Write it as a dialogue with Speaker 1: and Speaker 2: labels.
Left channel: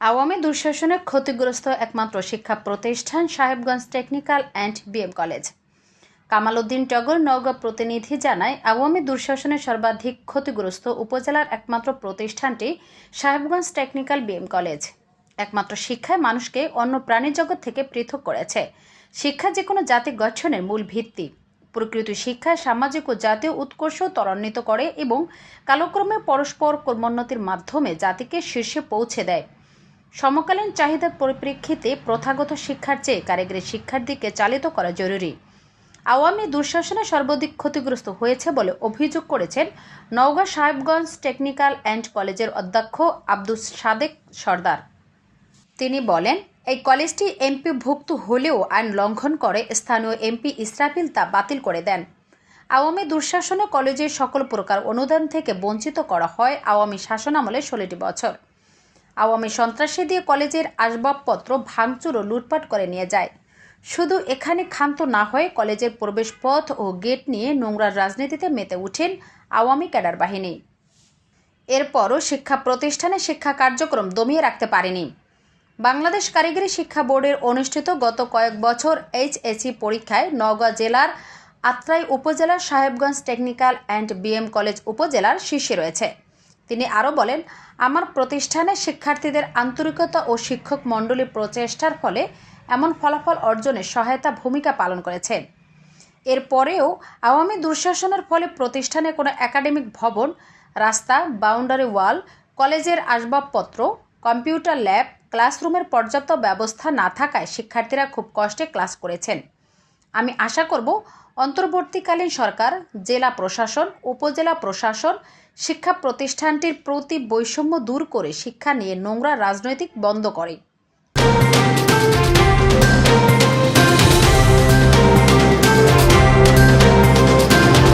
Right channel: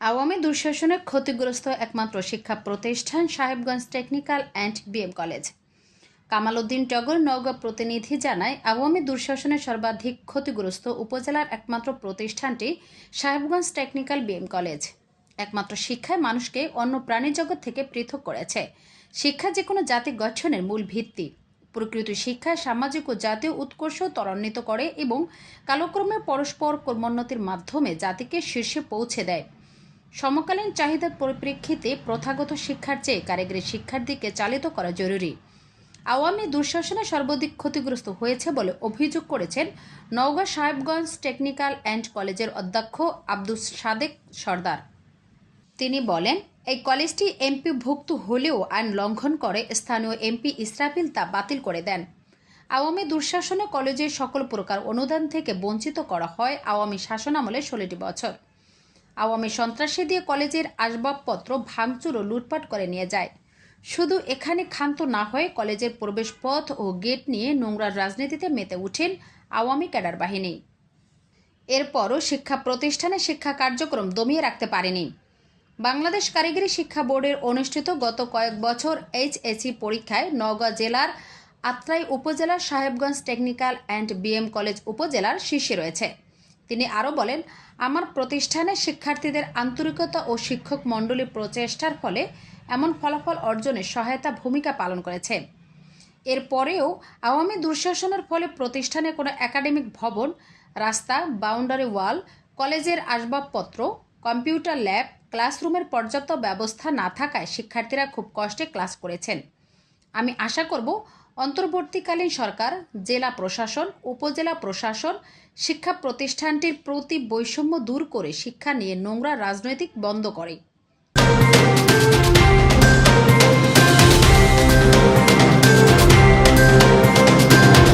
Speaker 1: আওয়ামী দুঃশাসনে ক্ষতিগ্রস্ত একমাত্র শিক্ষা প্রতিষ্ঠান Sahebganj technical and BM college. Kamal Uddin Togor Naogaon প্রতিনিধি জানায়, আওয়ামী দুঃশাসনে সর্বাধিক ক্ষতিগ্রস্ত উপজেলার একমাত্র প্রতিষ্ঠানটি সাহেবগঞ্জ টেকনিক্যাল বিএম কলেজ। একমাত্র শিক্ষায় মানুষকে অন্য প্রাণী জগৎ থেকে পৃথক করেছে। শিক্ষা যে কোনো জাতি গঠনের মূল ভিত্তি। প্রকৃত শিক্ষায় সামাজিক ও জাতীয় উৎকর্ষ ত্বরান্বিত করে এবং কালক্রমে পরস্পর কর্মোন্নতির মাধ্যমে জাতিকে শীর্ষে পৌঁছে দেয়। সমকালীন চাহিদার পরিপ্রেক্ষিতে প্রথাগত শিক্ষার চেয়ে কারিগরি শিক্ষার দিকে চালিত করা জরুরি। আওয়ামী দুঃশাসনে সর্বাধিক ক্ষতিগ্রস্ত হয়েছে বলে অভিযোগ করেছেন নওগাঁ সাহেবগঞ্জ টেকনিক্যাল অ্যান্ড কলেজের অধ্যক্ষ আব্দুস সাদেক সর্দার। তিনি বলেন, এই কলেজটি এমপিভুক্ত হলেও আইন লঙ্ঘন করে স্থানীয় এমপি ইসরাফিল তা বাতিল করে দেন। আওয়ামী দুঃশাসনে কলেজের সকল প্রকার অনুদান থেকে বঞ্চিত করা হয় আওয়ামী শাসনামলে ষোলোটি বছর। আওয়ামী সন্ত্রাসী দিয়ে কলেজের আসবাবপত্র ভাঙচুর ও লুটপাট করে নিয়ে যায়। শুধু এখানে ক্ষান্ত না হয়ে কলেজের প্রবেশপথ ও গেট নিয়ে নোংরার রাজনীতিতে মেতে উঠেন আওয়ামী ক্যাডার বাহিনী। এরপরও শিক্ষা প্রতিষ্ঠানে শিক্ষা কার্যক্রম দমিয়ে রাখতে পারেনি। বাংলাদেশ কারিগরি শিক্ষা বোর্ডের অনুষ্ঠিত গত কয়েক বছর এইচএসি পরীক্ষায় নওগাঁ জেলার আত্রাই উপজেলার Sahebganj technical and BM college উপজেলার শীর্ষে রয়েছে। তিনি আরও বলেন, আমার প্রতিষ্ঠানে শিক্ষার্থীদের আন্তরিকতা ও শিক্ষক মণ্ডলীর প্রচেষ্টার ফলে এমন ফলাফল অর্জনে সহায়তা ভূমিকা পালন করেছে। এরপরেও আওয়ামী দুঃশাসনের ফলে প্রতিষ্ঠানে কোনো একাডেমিক ভবন, রাস্তা, বাউন্ডারি ওয়াল, কলেজের আসবাবপত্র, কম্পিউটার ল্যাব, ক্লাসরুমের পর্যাপ্ত ব্যবস্থা না থাকায় শিক্ষার্থীরা খুব কষ্টে ক্লাস করেছেন। আমি আশা করব অন্তর্বর্তীকালীন সরকার, জেলা প্রশাসন, উপজেলা প্রশাসন, শিক্ষা প্রতিষ্ঠানটির প্রতি বৈষম্য দূর করে শিক্ষা নিয়ে নোংরা রাজনৈতিক বন্ধ করে।